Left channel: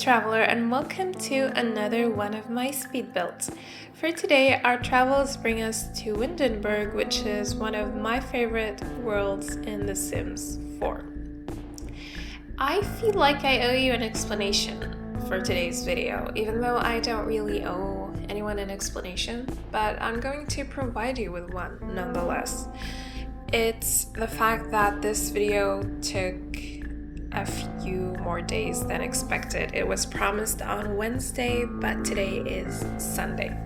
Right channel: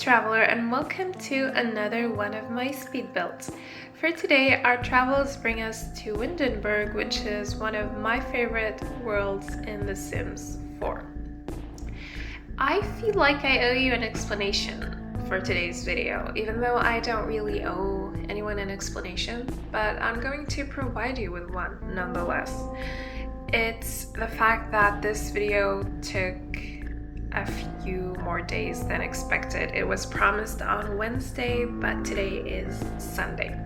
amidst traveler, and welcome to another one of my speed builds. For today, our travels bring us to Windenburg, which is one of my favorite worlds in The Sims 4. I feel like I owe you an explanation for today's video, even though I don't really owe anyone an explanation, but I'm going to provide you with one nonetheless. It's the fact that this video took a few more days than expected. It was promised on Wednesday, but today is Sunday.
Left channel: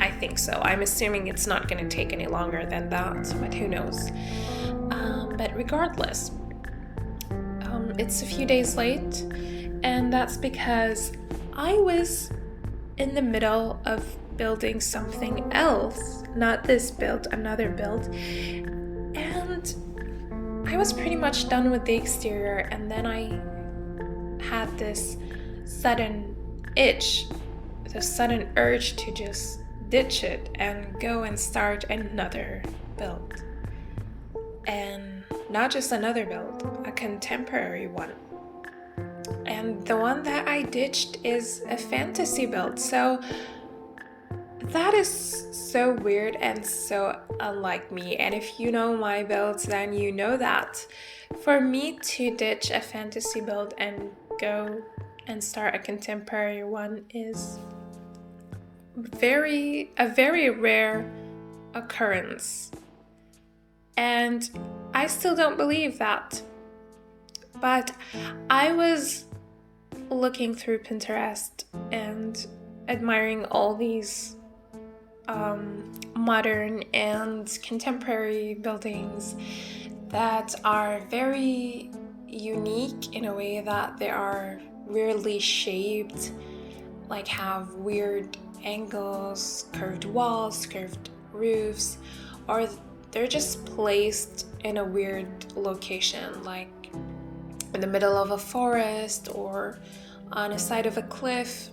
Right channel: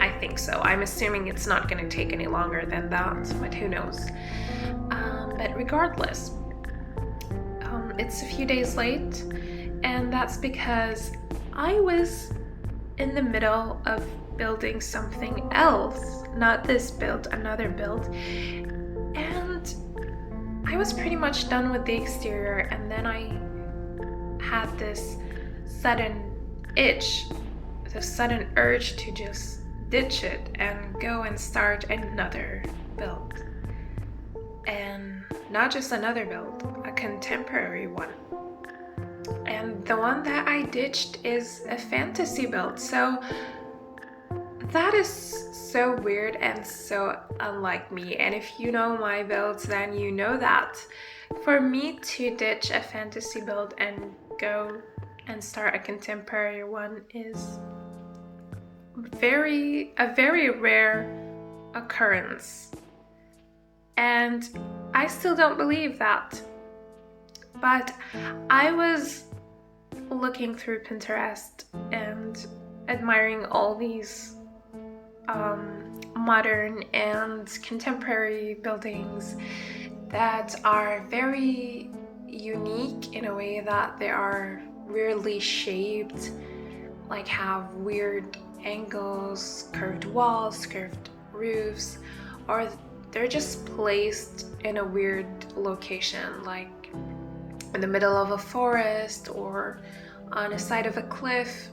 I think so. I'm assuming it's not going to take any longer than that, but who knows. But regardless, it's a few days late, and that's because I was in the middle of building something else, not this build, another build, and I was pretty much done with the exterior, and then I had this sudden itch, the sudden urge to just ditch it and go and start another build. And not just another build, a contemporary one. And the one that I ditched is a fantasy build, so that is so weird and so unlike me. And if you know my builds, then you know that for me to ditch a fantasy build and go and start a contemporary one is a very rare occurrence. And I still don't believe that. But I was looking through Pinterest and admiring all these modern and contemporary buildings that are very unique in a way that they are weirdly shaped, like have weird angles, curved walls, curved roofs, or they're just placed in a weird location, like in the middle of a forest or on a side of a cliff.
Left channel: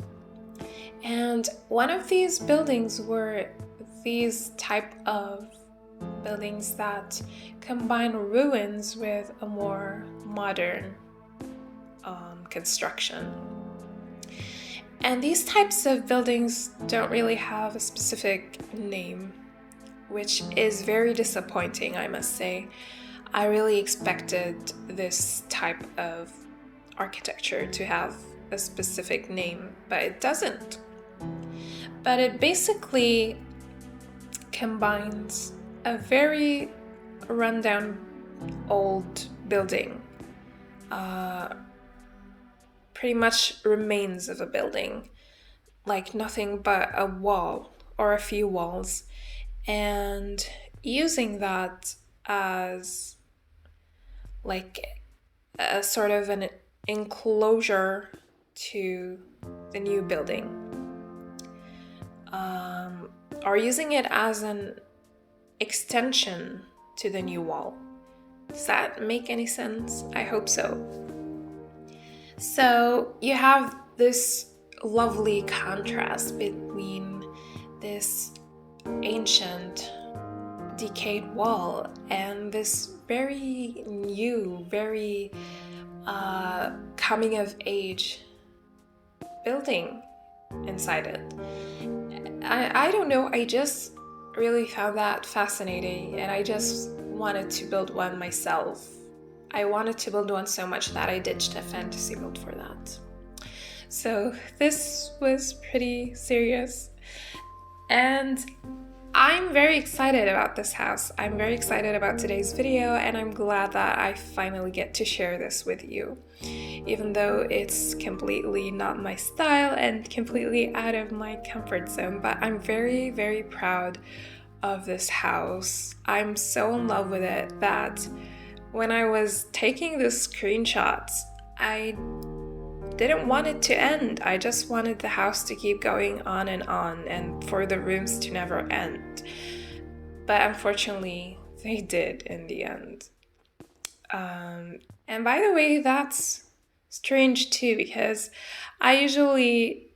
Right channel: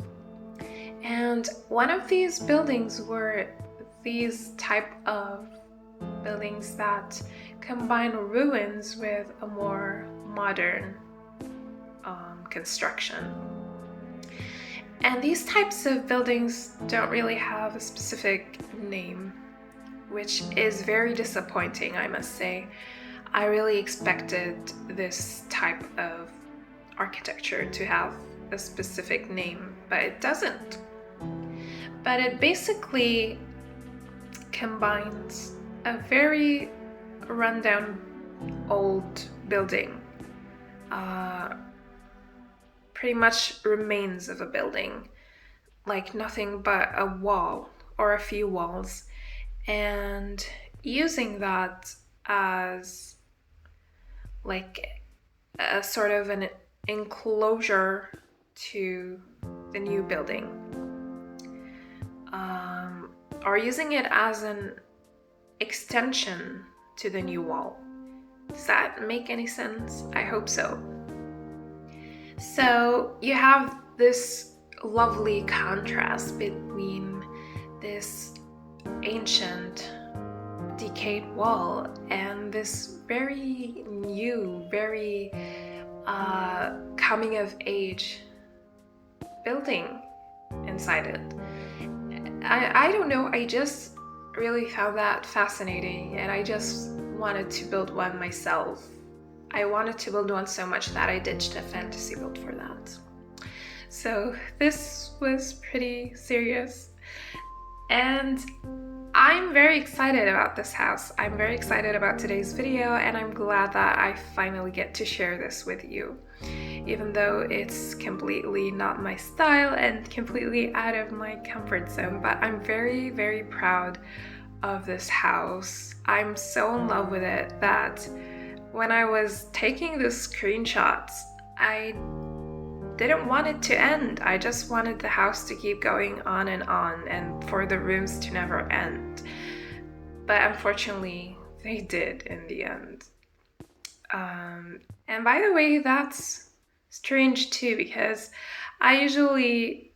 And one of these buildings were these type of buildings that combine ruins with a more modern construction. And these types of buildings don't really have a specific name, which is very disappointing, I must say. I really expected this type of architecture to have a specific name, but it doesn't. But it basically combines a very rundown old building, pretty much remains of a building, like nothing but a wall or a few walls, and using that as like a sort of an enclosure to the new building, or using it as an extension to the new wall. Does that make any sense? I hope so. So you have this lovely contrast between this ancient decayed wall and this very new, very coming of age building inside it. I don't know, I just really found that fascinating, and I just wanted to build one myself. I wanted to build one so much that I ditched a fantasy build for that. So this was pretty serious, and I'm very excited about this house. I'm very excited about today's video, and I'm glad that I finally get to share this with you, even though it's completely not my style and completely out of my comfort zone. But I'm very, very proud of this house. I'm so in love with it that when I was taking the screenshots, I didn't want it to end. I just wanted the house to keep going on and for the rooms to never end. But unfortunately, they did in the end. And by the way, that's strange too, because I usually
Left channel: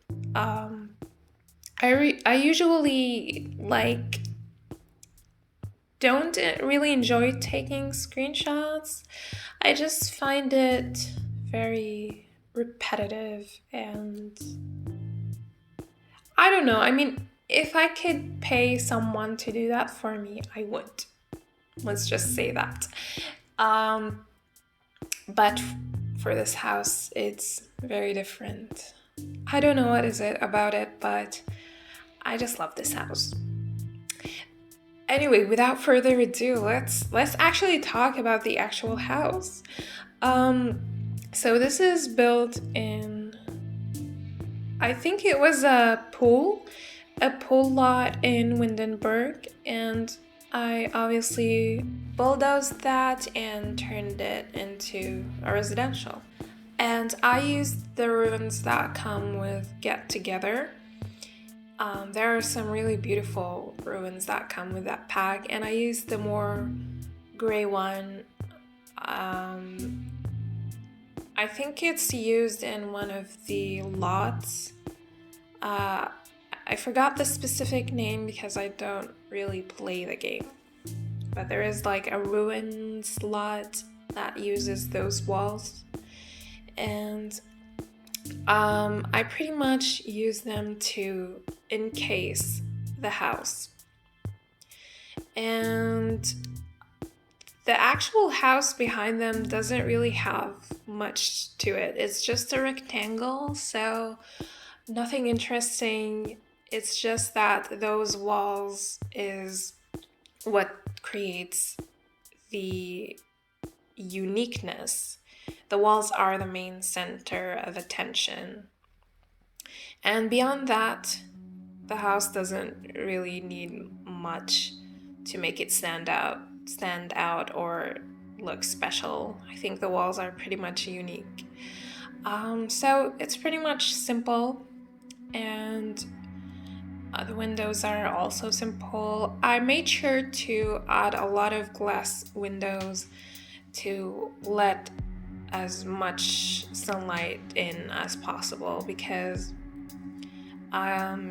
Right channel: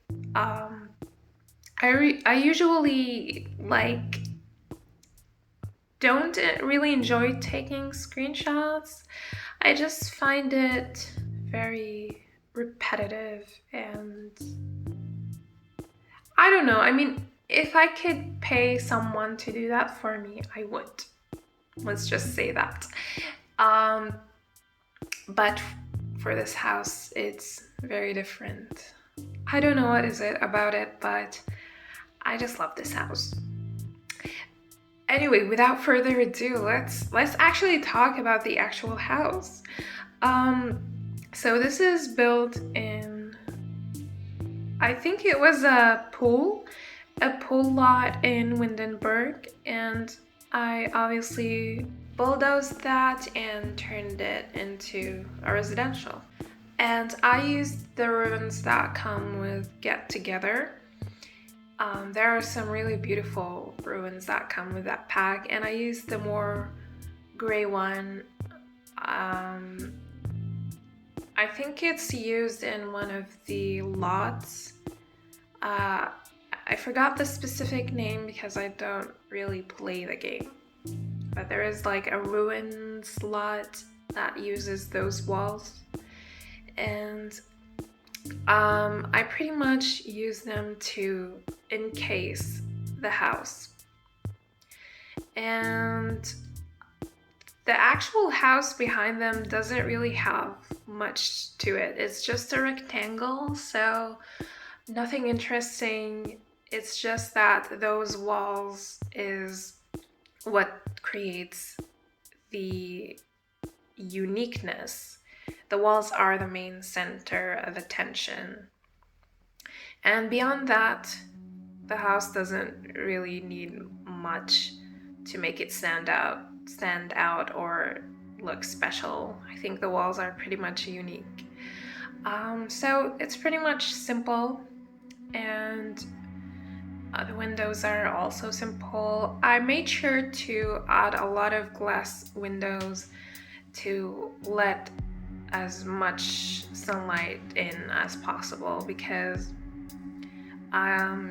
like don't really enjoy taking screenshots. I just find it very repetitive, and I don't know. I mean, if I could pay someone to do that for me, I would. Let's just say that. Um, but for this house, it's very different. I don't know what is it about it, but I just love this house. Anyway, without further ado, let's actually talk about the actual house. So this is built in, I think it was a pool lot in Windenburg, and I obviously bulldozed that and turned it into a residential. And I used the ruins that come with Get Together. There are some really beautiful ruins that come with that pack, and I used the more gray one. I think it's used in one of the lots. I forgot the specific name because I don't really play the game. But there is like a ruins lot that uses those walls. And I pretty much use them to encase the house. And the actual house behind them doesn't really have much to it. It's just a rectangle, so nothing interesting. It's just that those walls is what creates the uniqueness. The walls are the main center of attention. And beyond that, the house doesn't really need much to make it stand out or look special. I think the walls are pretty much unique. So it's pretty much simple, and the windows are also simple. I made sure to add a lot of glass windows to let as much sunlight in as possible, because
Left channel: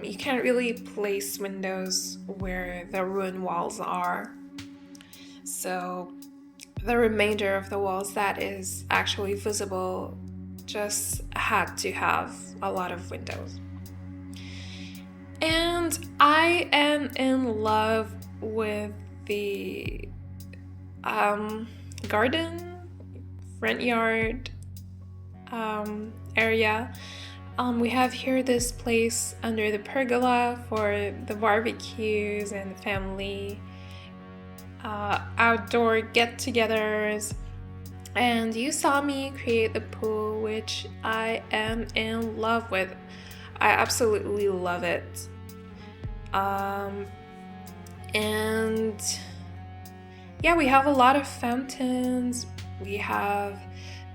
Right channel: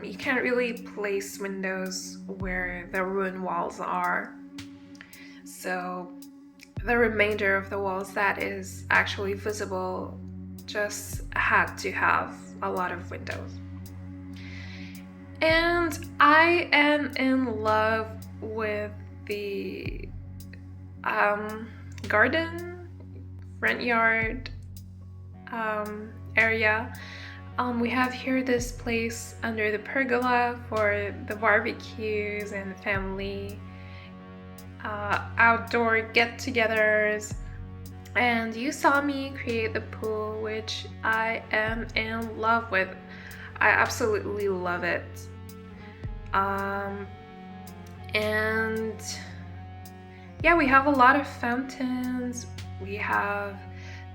you can't really place windows where the ruined walls are. So the remainder of the walls that is actually visible just had to have a lot of windows. And I am in love with the garden, front yard area. We have here this place under the pergola for the barbecues and the family outdoor get-togethers. And you saw me create the pool, which I am in love with. I absolutely love it. And yeah, we have a lot of fountains. We have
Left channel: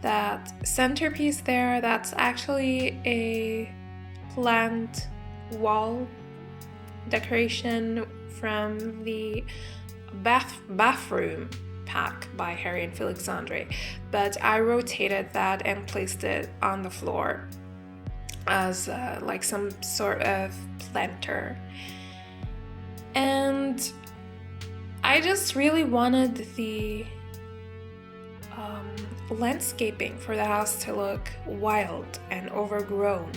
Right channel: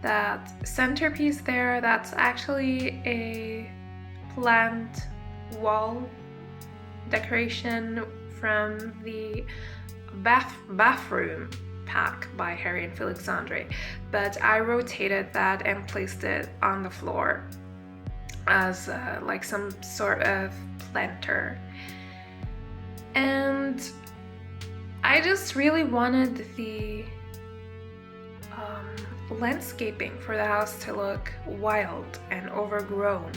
that centerpiece there that's actually a plant wall decoration from the bathroom pack by Harry and Felixandre, but I rotated that and placed it on the floor as like some sort of planter. And I just really wanted the landscaping for the house to look wild and overgrown,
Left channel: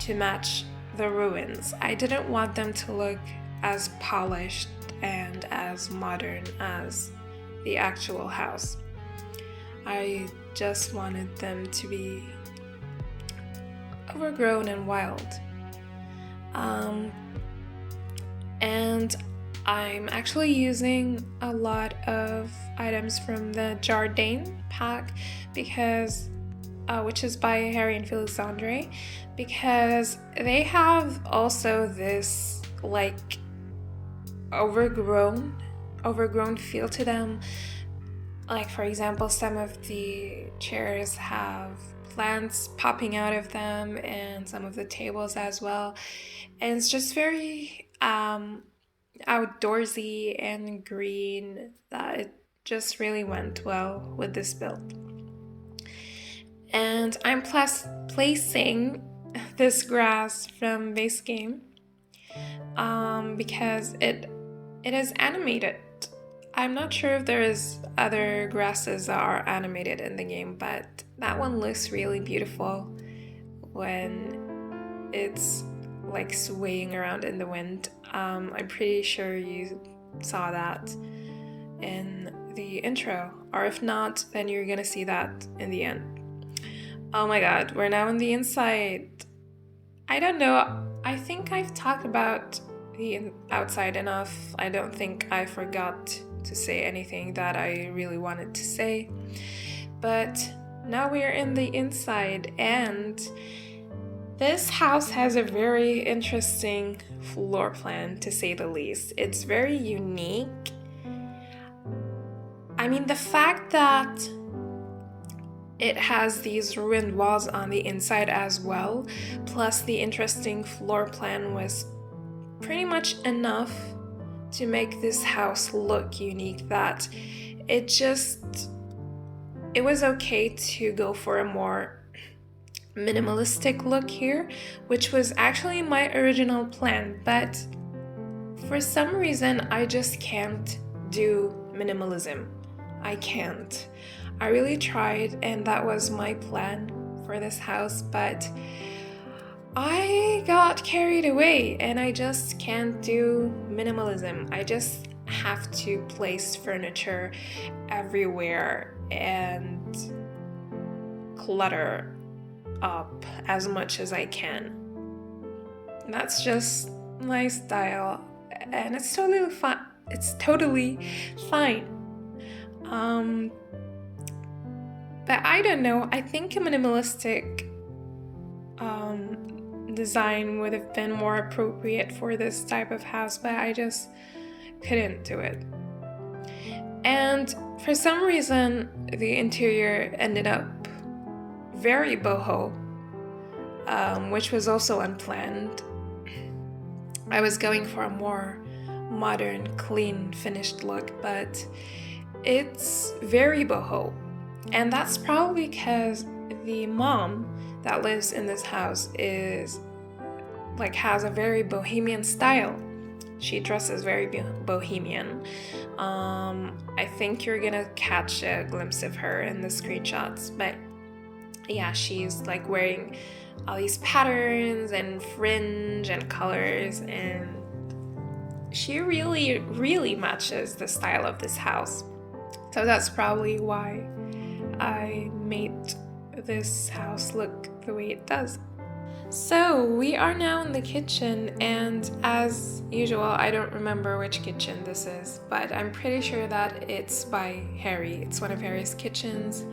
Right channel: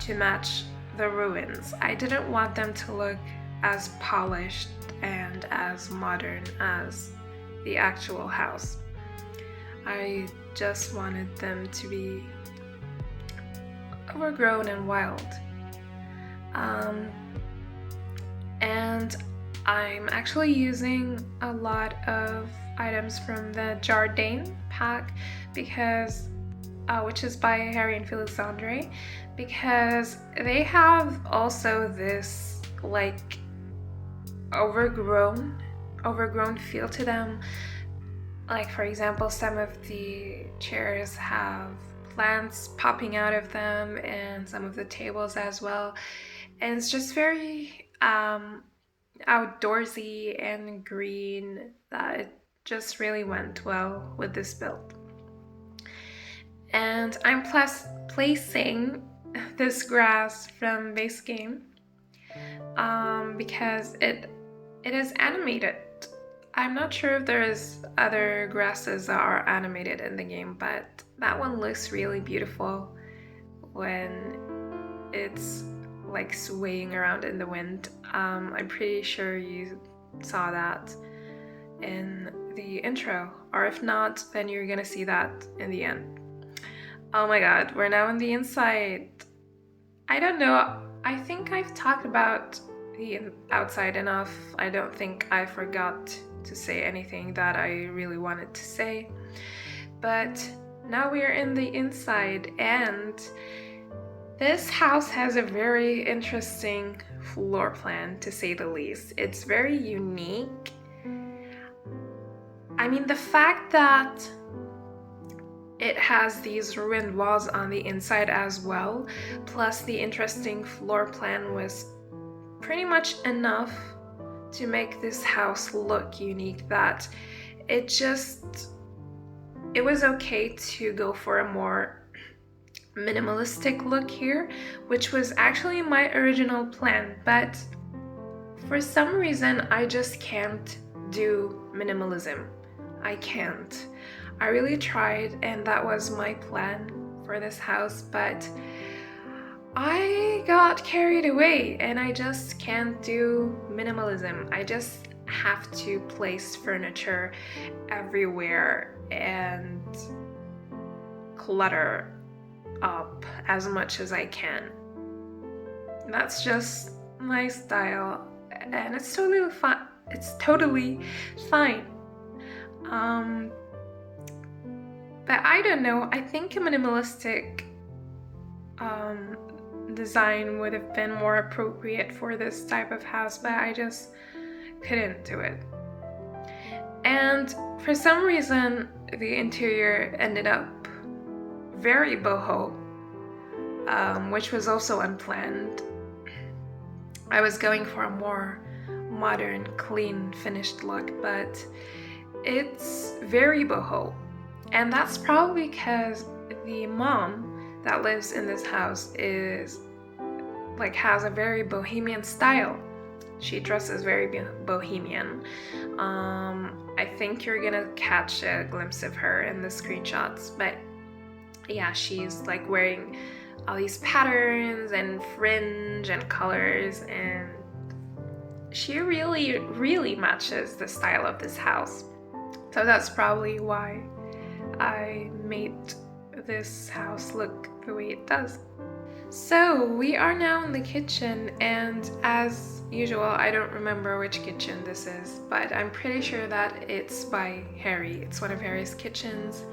to match the ruins. I didn't want them to look as polished and as modern as the actual house. I just wanted them to be overgrown and wild. And I'm actually using a lot of items from the Jardin pack, because which is by Harry and Felixandre, because they have also this like overgrown feel to them. Like, for example, some of the chairs have plants popping out of them, and some of the tables as well. And it's just very outdoorsy and green, that it just really went well with this build. And I'm placing this grass from base game because it is animated. I'm not sure if there's other grasses that are animated in the game, but that one looks really beautiful when it's like swaying around in the wind. I'm pretty sure you saw that in the intro, or if not, then you're gonna see that in the end. Oh my god, we're now in the inside. I don't know, I think I've talked about the outside enough. I don't think I forgot to say anything that I really wanted to say. But now we're in the inside, and this house has a very interesting floor plan, to say the least. It's very unique. I mean, the fact that it has these ruined walls on the inside as well, plus the interesting floor plan, was pretty much enough to make this house look unique, that it was okay to go for a more minimalistic look here, which was actually my original plan, but for some reason I just can't do minimalism. I can't. I really tried, and that was my plan for this house, but I got carried away and I just can't do minimalism. I just have to place furniture everywhere and clutter up as much as I can. That's just my style, and it's totally fine. It's totally fine. But I don't know. I think a minimalistic design would have been more appropriate for this type of house, but I just couldn't do it. And for some reason, the interior ended up very boho, which was also unplanned. I was going for a more modern, clean, finished look, but it's very boho. And that's probably because the mom that lives in this house has a very bohemian style. She dresses very bohemian. I think you're gonna catch a glimpse of her in the screenshots, but yeah, she's like wearing all these patterns and fringe and colors, and she really, really matches the style of this house. So that's probably why I made this house look the way it does. So we are now in the kitchen, and as usual, I don't remember which kitchen this is, but I'm pretty sure that it's by Harry. It's one of Harry's kitchens.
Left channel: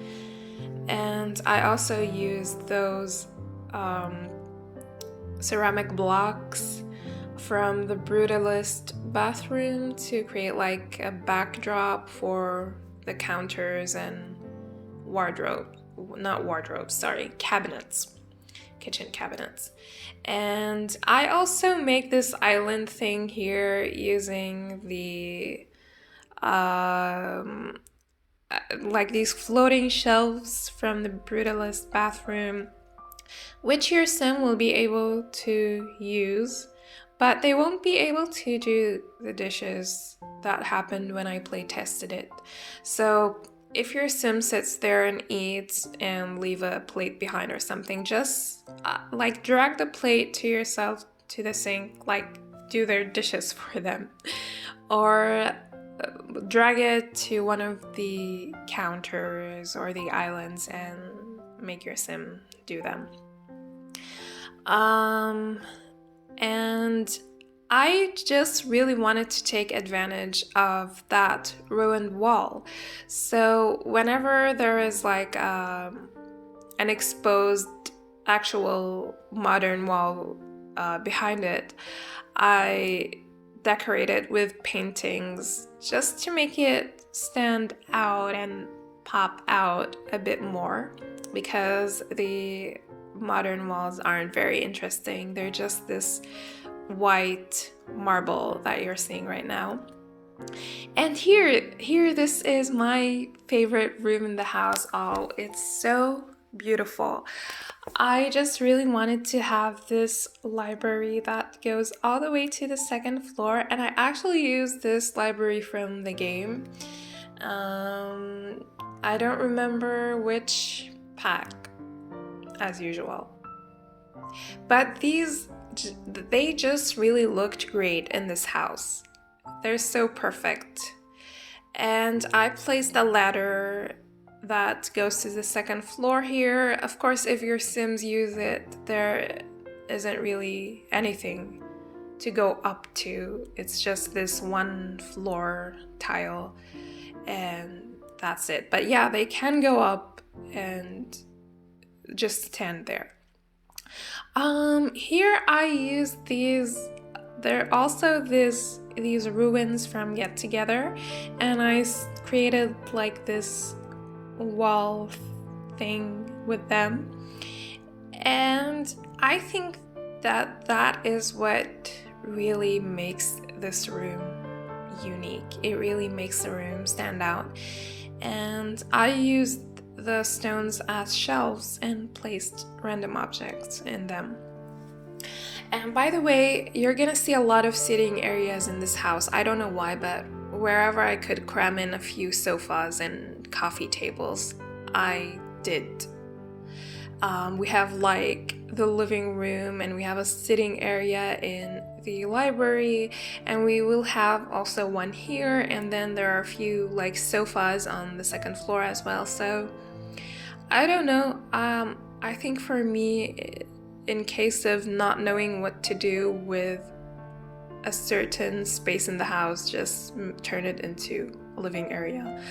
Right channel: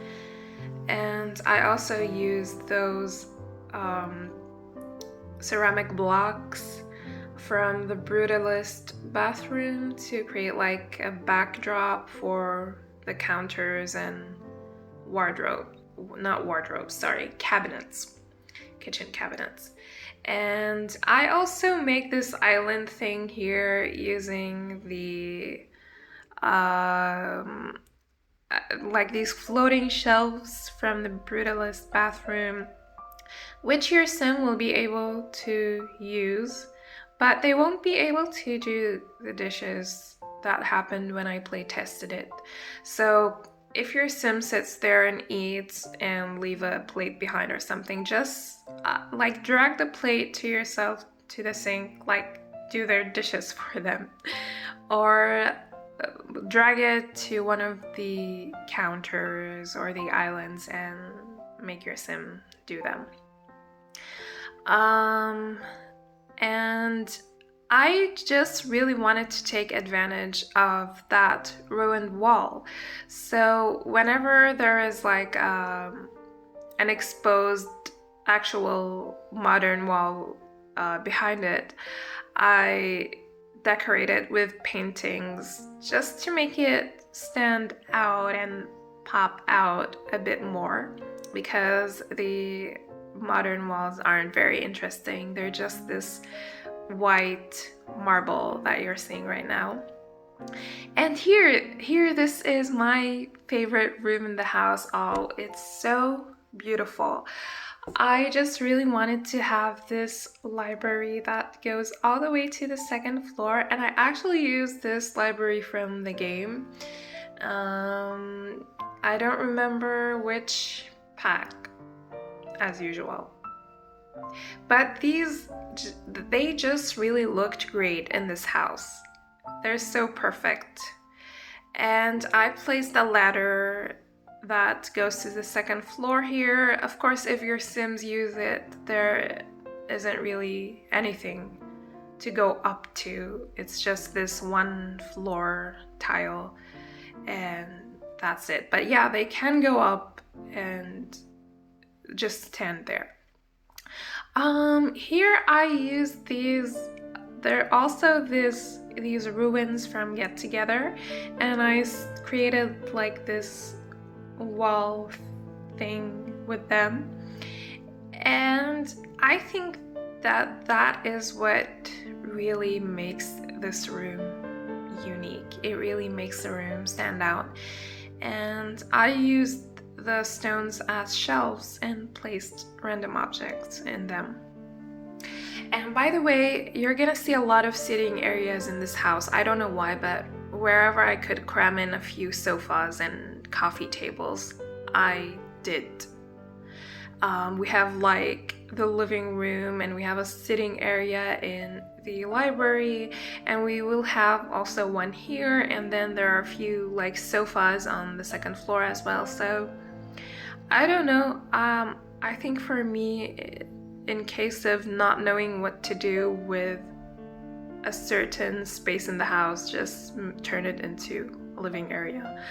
And I also used those ceramic blocks from the Brutalist bathroom to create like a backdrop for the counters and cabinets, kitchen cabinets. And I also make this island thing here using the like these floating shelves from the Brutalist bathroom, which your sim will be able to use, but they won't be able to do the dishes that happened when I play tested it. So if your sim sits there and eats and leave a plate behind or something, just like drag the plate to yourself to the sink, like do their dishes for them, or drag it to one of the counters or the islands and make your sim do them. And I just really wanted to take advantage of that ruined wall. So whenever there is like an exposed actual modern wall behind it, I decorate it with paintings just to make it stand out and pop out a bit more, because the modern walls aren't very interesting. They're just this white marble that you're seeing right now. And here, this is my favorite room in the house. Oh, it's so beautiful. I just really wanted to have this library that goes all the way to the second floor, and I actually used this library from the game. Um, I don't remember which pack, as usual. But they just really looked great in this house. They're so perfect. And I placed a ladder that goes to the second floor here. Of course, if your Sims use it, there isn't really anything to go up to. It's just this one floor tile, and that's it. But yeah, they can go up and just stand there. Here I use these. There are also these ruins from Get Together, and I created like this wall thing with them, and I think that is what really makes this room unique. It really makes the room stand out, and I used the stones as shelves and placed random objects in them. And by the way, you're gonna see a lot of sitting areas in this house. I don't know why, but wherever I could cram in a few sofas and coffee tables, I did. We have like the living room, and we have a sitting area in the library, and we will have also one here, and then there are a few like sofas on the second floor as well. So I don't know. I think for me, in case of not knowing what to do with a certain space in the house, just turn it into a living area.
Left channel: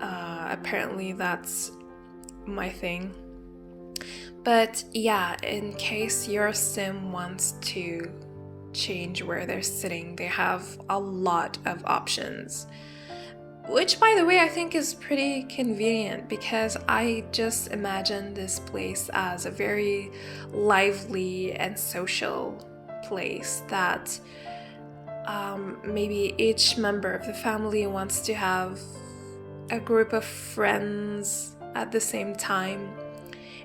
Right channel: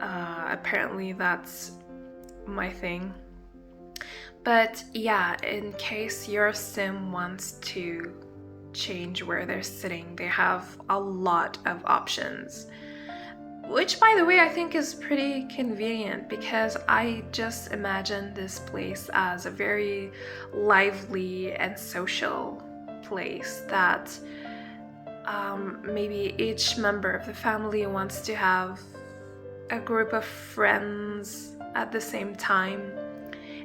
Apparently that's my thing. But yeah, in case your Sim wants to change where they're sitting, they have a lot of options. Which, by the way, I think is pretty convenient, because I just imagine this place as a very lively and social place that maybe each member of the family wants to have a group of friends at the same time,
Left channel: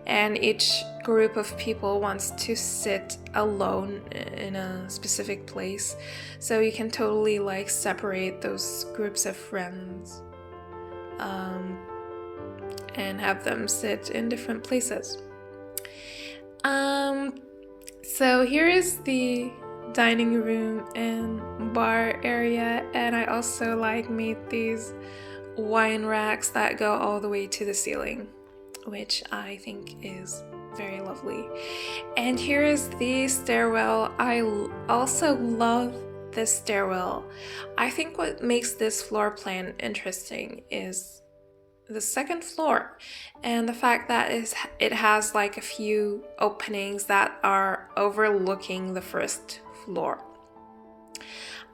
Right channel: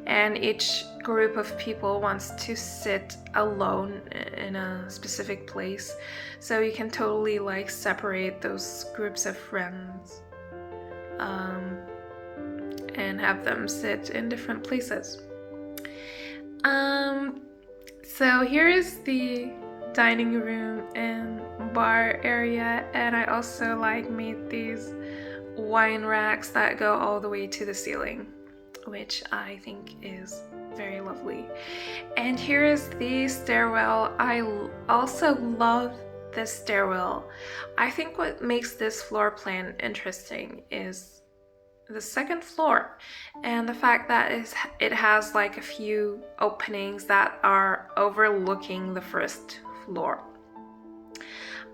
and each group of people wants to sit alone in a specific place. So you can totally like separate those groups of friends and have them sit in different places. So here is the dining room and bar area, and I also like made these wine racks that go all the way to the ceiling, which I think is very lovely. And here is the stairwell. I also love this stairwell. I think what makes this floor plan interesting is the second floor, and the fact that it has like a few openings that are overlooking the first floor.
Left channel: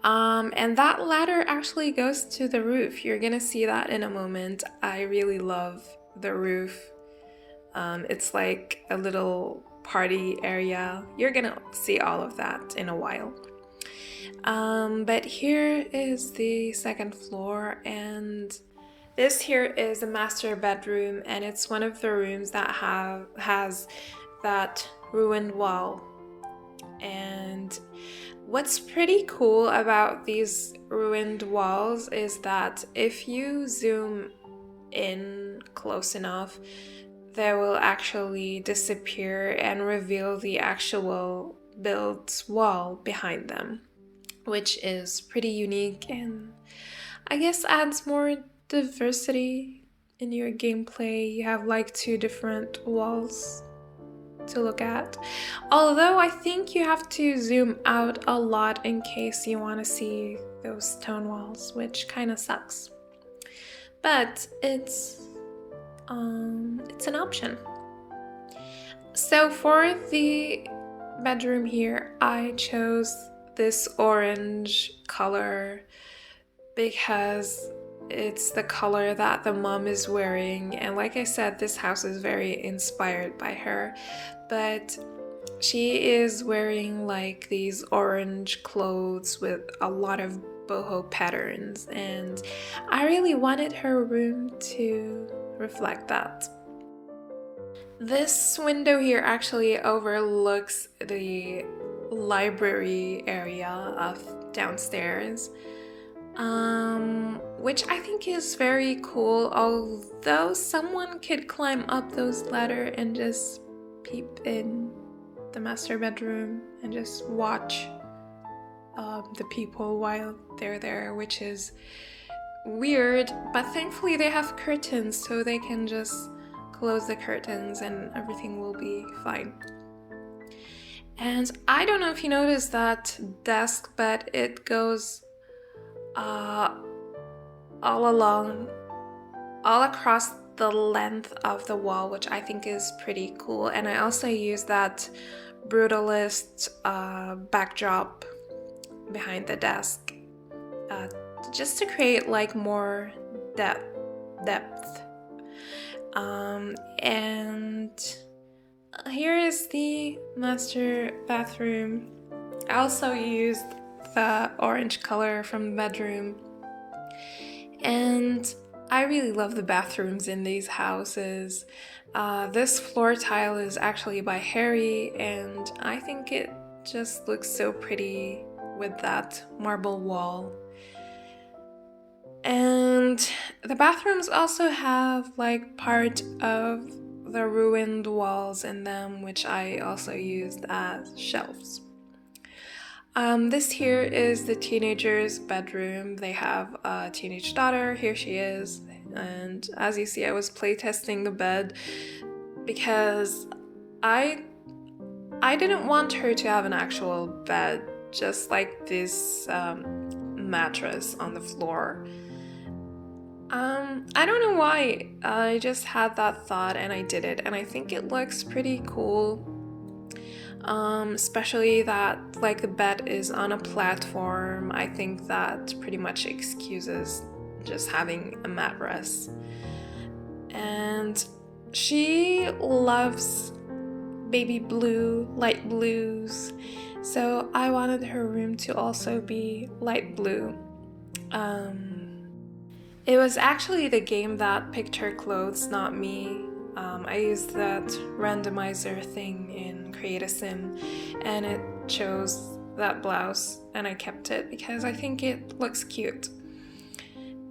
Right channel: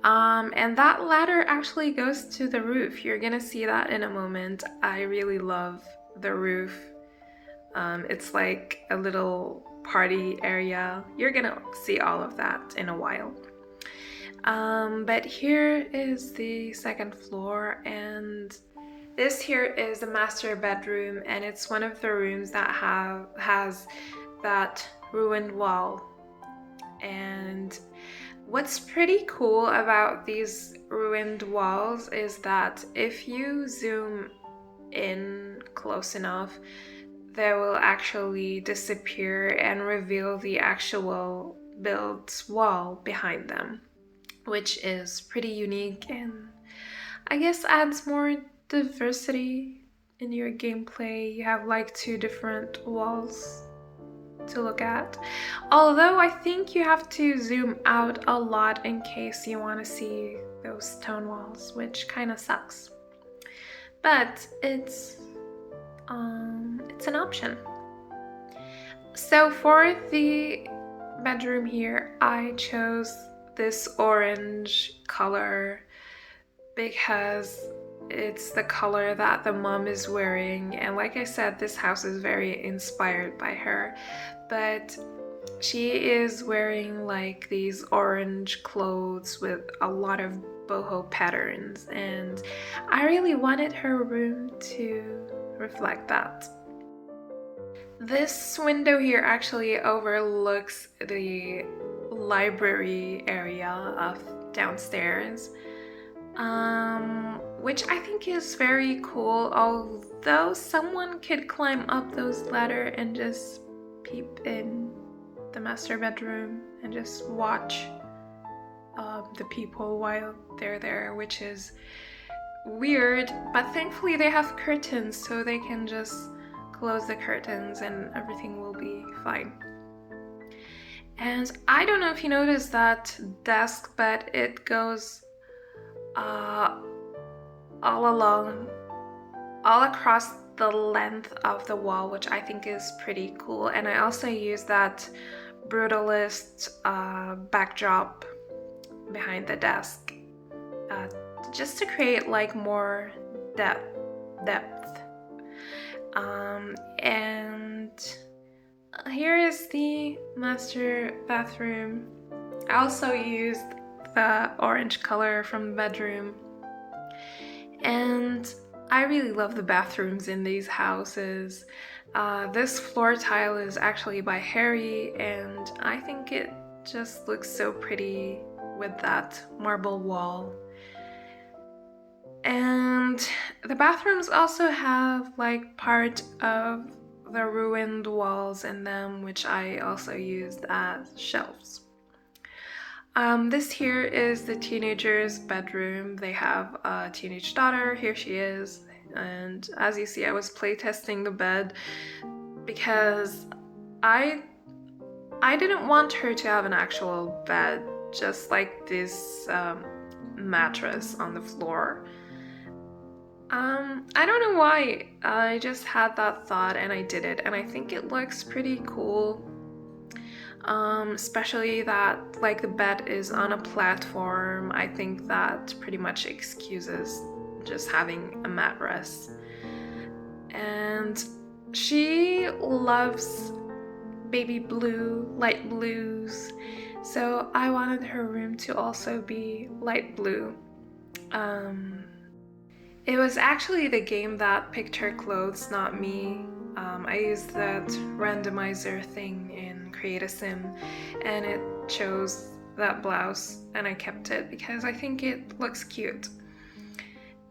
And that ladder actually goes to the roof. You're gonna see that in a moment. I really love the roof. It's like a little party area. You're gonna see all of that in a while. But here is the second floor, and this here is the master bedroom, and it's one of the rooms that has that ruined wall. And what's pretty cool about these ruined walls is that if you zoom in close enough, they will actually disappear and reveal the actual built wall behind them, which is pretty unique and I guess adds more diversity in your gameplay. You have like two different walls to look at. Although I think you have to zoom out a lot in case you want to see those stone walls, which kind of sucks. But it's an option. So for the bedroom here, I chose this orange color because it's the color that the mom is wearing, and like I said, this house is very inspired by her, but she is wearing like these orange clothes with a lot of boho patterns, and I really wanted her room to reflect that. This window here actually overlooks the library area of downstairs, which I think is very cool, although someone could climb up those ladder and just peep in the master bedroom and just watch the people while they're there, which is weird, but thankfully they have curtains, so they can just close the curtains and everything will be fine. And I don't know if you noticed that desk, but it goes all across the length of the wall, which I think is pretty cool. And I also use that brutalist backdrop behind the desk just to create like more depth. And here is the master bathroom. I also used the orange color from the bedroom, and I really love the bathrooms in these houses. This floor tile is actually by Harry, and I think it just looks so pretty with that marble wall. And the bathrooms also have like part of the ruined walls in them, which I also used as shelves. This here is the teenager's bedroom. They have a teenage daughter. Here she is. And as you see, I was playtesting the bed because I didn't want her to have an actual bed, just like this mattress on the floor. I don't know why, I just had that thought and I did it, and I think it looks pretty cool. Especially that like the bed is on a platform. I think that pretty much excuses just having a mattress. And she loves baby blue, light blues, so I wanted her room to also be light blue. It was actually the game that picked her clothes, not me. I used that randomizer thing in Create a Sim, and it chose that blouse, and I kept it because I think it looks cute.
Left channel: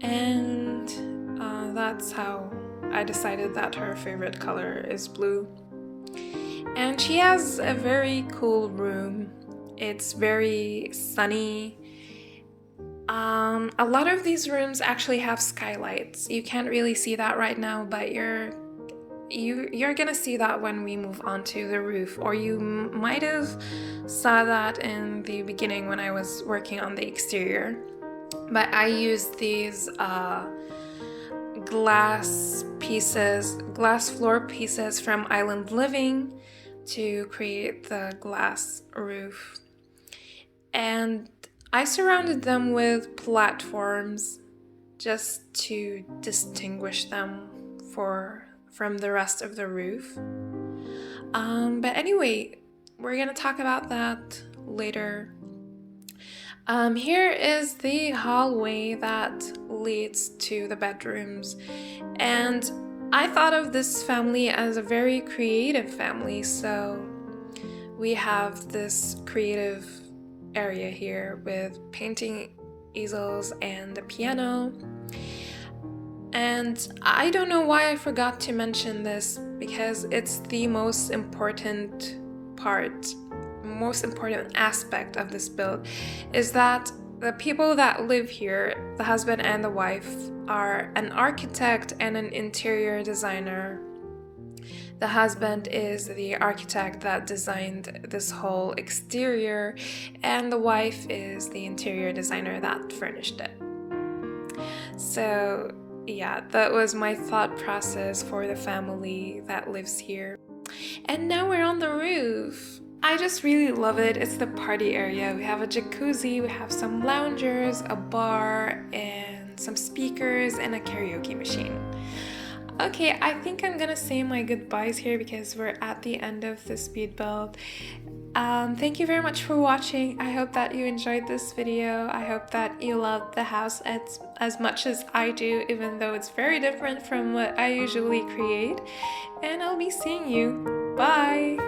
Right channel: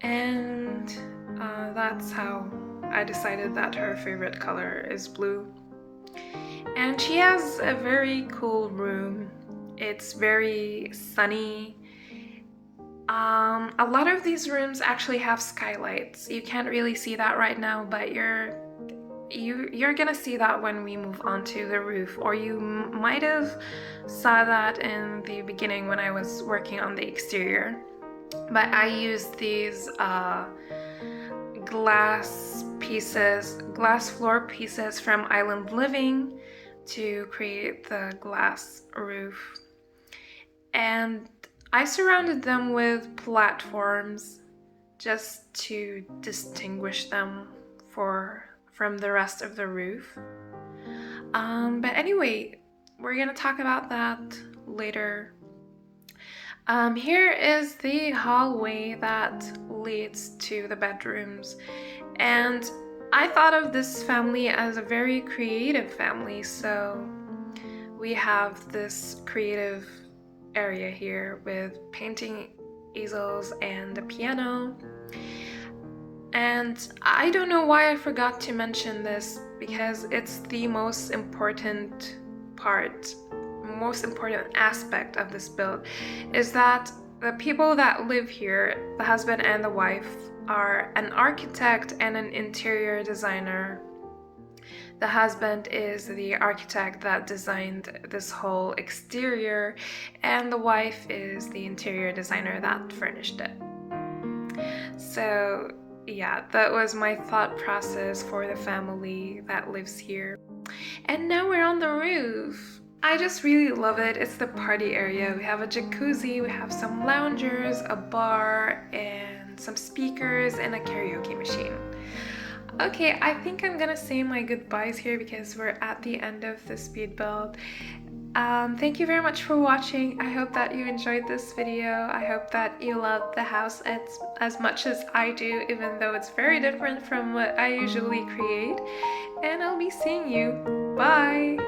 And that's how I decided that her favorite color is blue. And she has a very cool room. It's very sunny. A lot of these rooms actually have skylights. You can't really see that right now, but you're gonna see that when we move onto the roof, or you might have saw that in the beginning when I was working on the exterior. But I used these glass floor pieces from Island Living to create the glass roof. And I surrounded them with platforms just to distinguish them from the rest of the roof. But anyway, we're gonna talk about that later. Here is the hallway that leads to the bedrooms, and I thought of this family as a very creative family, so we have this creative area here with painting easels and a piano. And I don't know why I forgot to mention this, because it's the most important aspect of this build, is that the people that live here, the husband and the wife, are an architect and an interior designer. The husband is the architect that designed this whole exterior, and the wife is the interior designer that furnished it. So yeah, that was my thought process for the family that lives here. And now we're on the roof. I just really love it. It's the party area. We have a jacuzzi, we have some loungers, a bar, and some speakers, and a karaoke machine. Okay, I think I'm gonna say my goodbyes here because we're at the end of the speed build. Thank you very much for watching. I hope that you enjoyed this video. I hope that you love the house as much as I do, even though it's very different from what I usually create. And I'll be seeing you. Bye!